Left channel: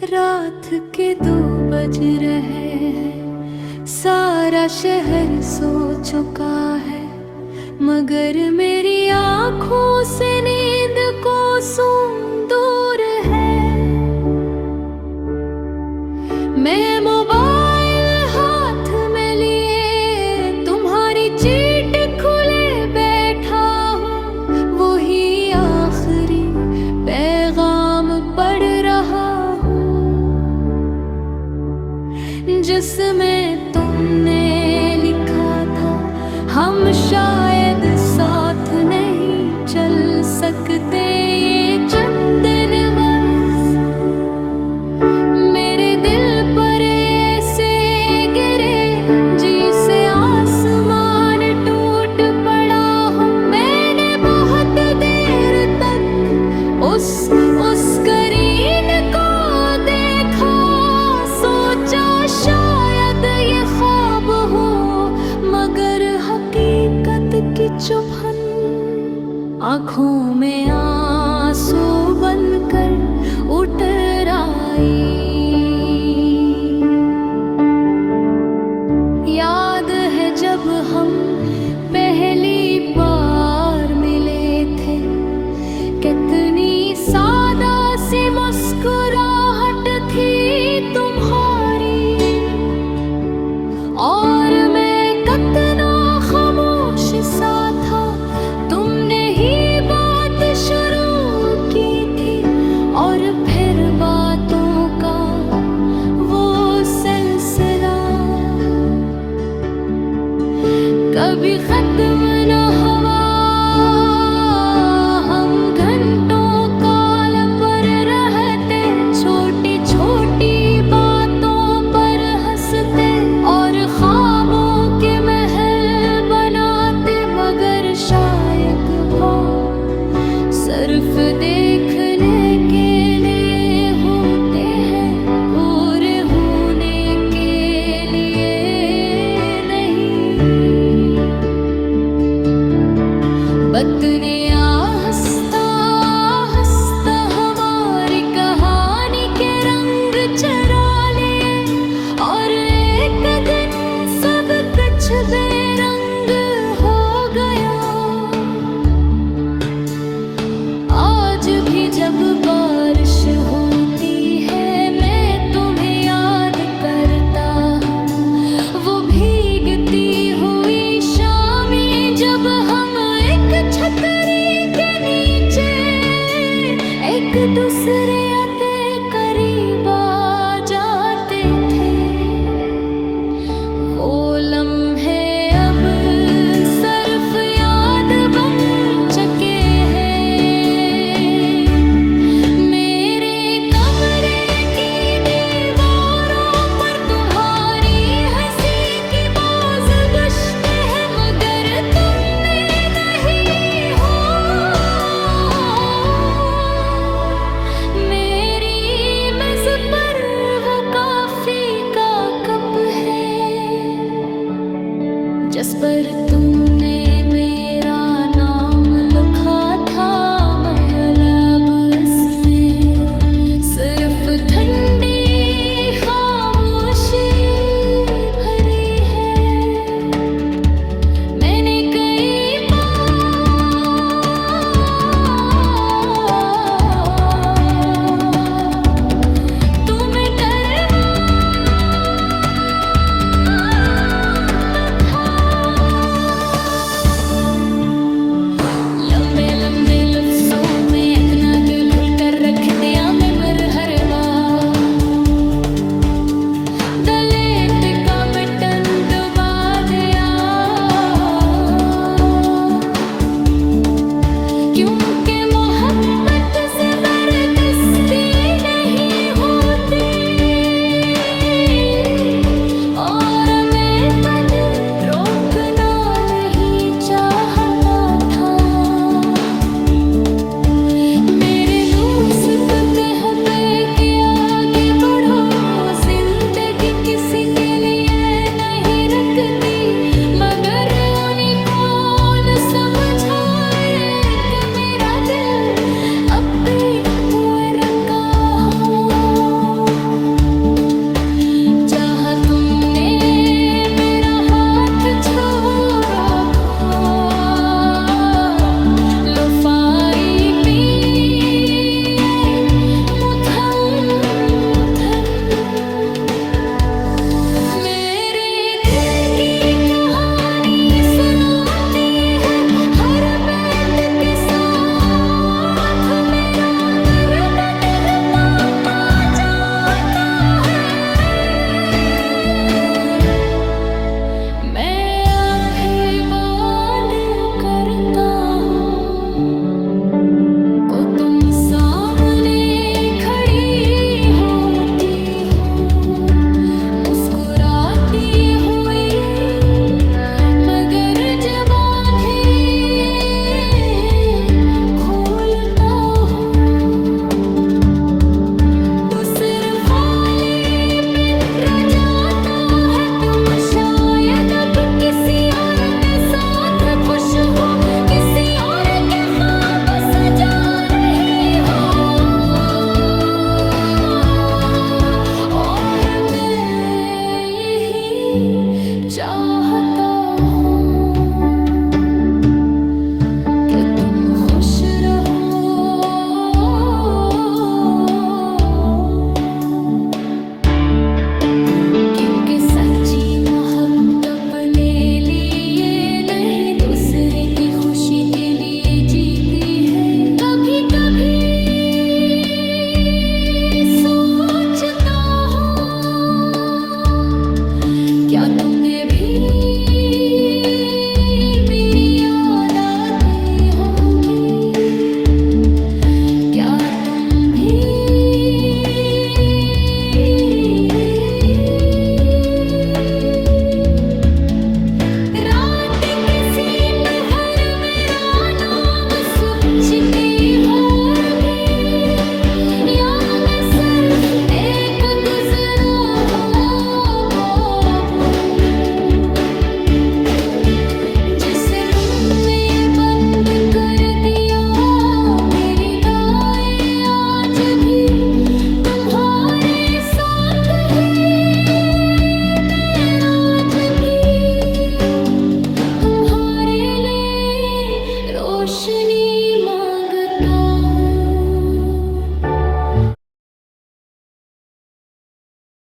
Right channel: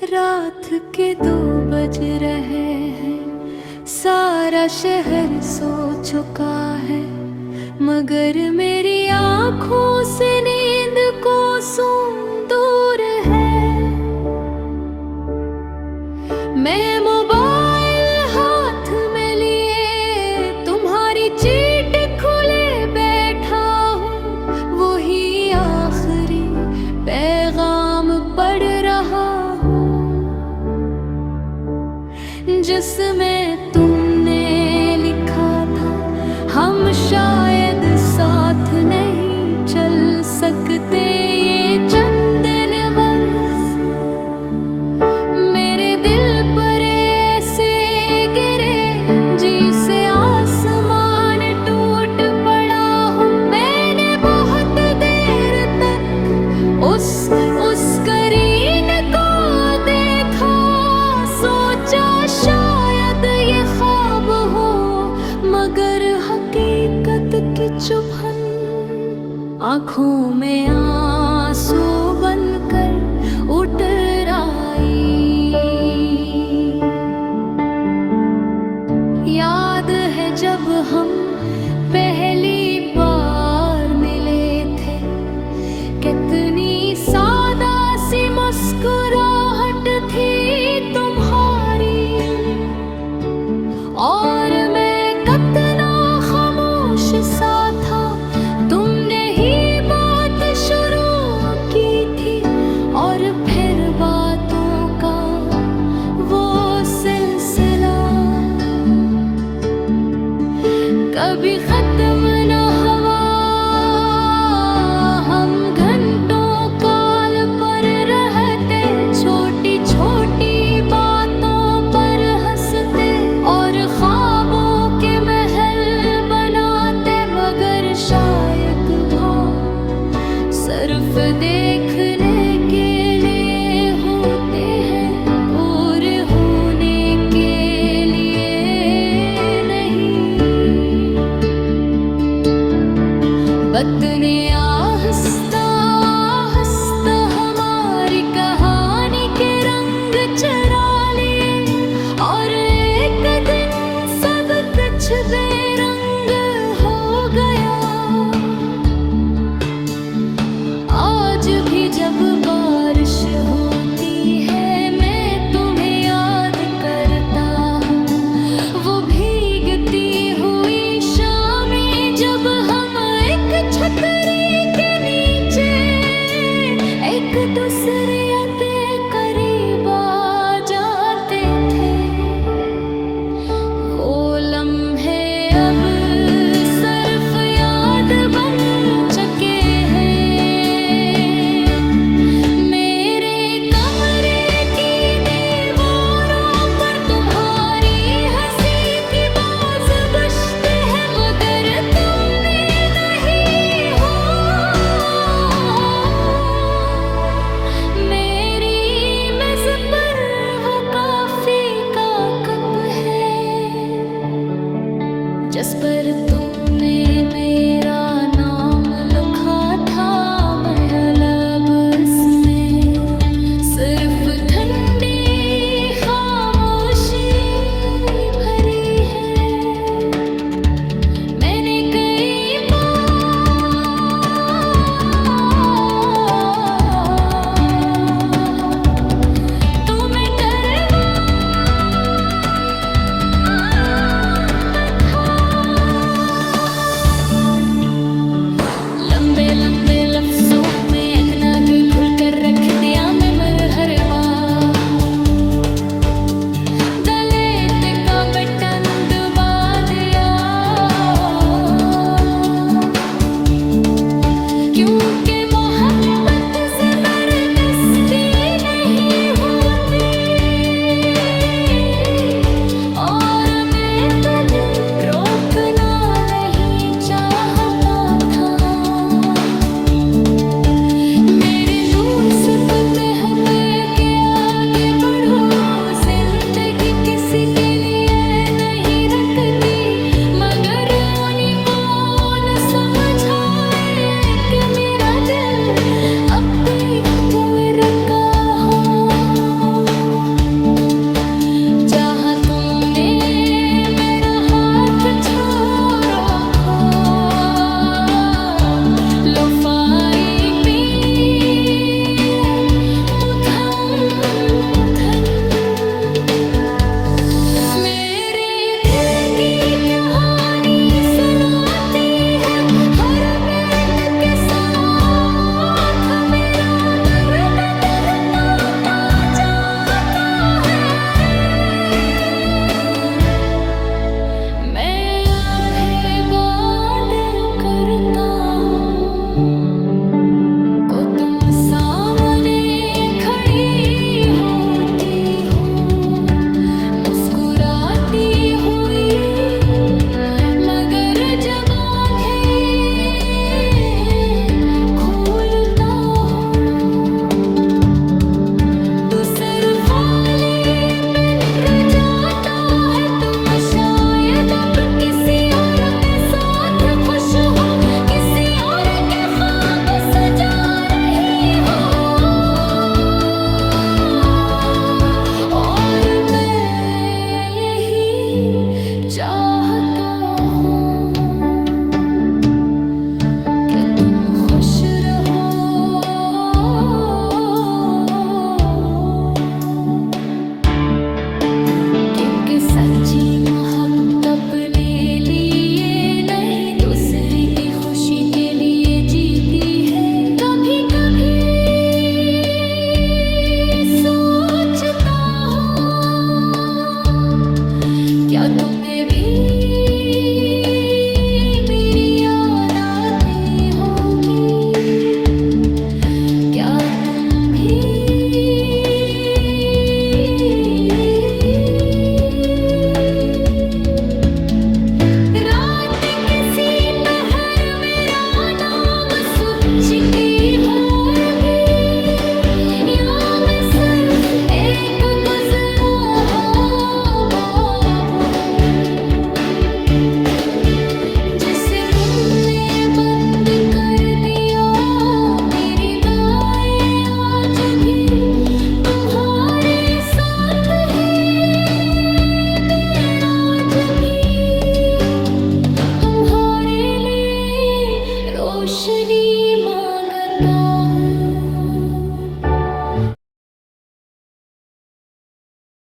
रात के 2 बज रहे हैं, सारा शहर सो चुका है, मगर मेरी आँखों से नींद को सूं दूर है। मैं मोबाइल हाथ में लिए तुम्हारी चीट खुले बैठा हूँ, वही आखिरी पैगाम पढ़ रहा हूँ जिसमें तुमने लिखा था, हम शायद साथ नहीं चल सकते ये चंद दिन बस। मेरे दिल पर ऐसे गिरे जी से आसमान टूट पड़ा हूँ। मैंने बहुत देर तक उस स्क्रीन को देखा, सोचा शायद ये ख्वाब हो, मगर हकीकत की चुभन आँखों में आंसू बनकर उतर आई। याद है जब हम पहली बार मिले थे, कितनी सादा सी मुस्कुराहट थी तुम्हारी, और मैं कितना खामोश सा था। तुमने ही बात शुरू की थी, और फिर बातों का वो सिलसिला कभी खत्म न हुआ। हम घंटों काल पर रहते, छोटी छोटी बातों पर हंसते, और ख्वाबों के महल बनाते, मगर शायद भाव सिर्फ देखने के लिए होते हैं, पूरे होने के लिए नहीं। वक्त ने आहिस्ता आहिस्ता हमारी कहानी के रंग चरा लिए, और एक दिन सब कुछ बेरंग हो गया। आज भी जब बारिश होती है, मैं तुम्हें याद करता हूँ, वो भीगती हुई शामें जब हम एक छतरी के नीचे एक दूसरे आते करीब आ जाते थे। वो लम्हे अब सिर्फ याद बन चुके हैं। मेरे कमरे की दीवारों पर तुम्हारी हंसी की बाज बजते हैं, मगर तुमने नहीं हो। मेरी मेज पर वो कॉफी का कप है, जिस पर तुमने मेरा नाम लिखा था। महलब इसमें सिर्फ ठंडी खामोशी भरी है। मैंने कई बार तुम्हें करवाया था। लंबे लंबे लफ्जों में इतना घुल कर रख दिया मैं हर बार। डिलीट का बटन दबा दिया, क्योंकि मोहब्बत जबरदस्ती नहीं होती, और मैं कभी रोकना नहीं चाहता था। मेरे दोस्त पे किया क्या तुम्हें भी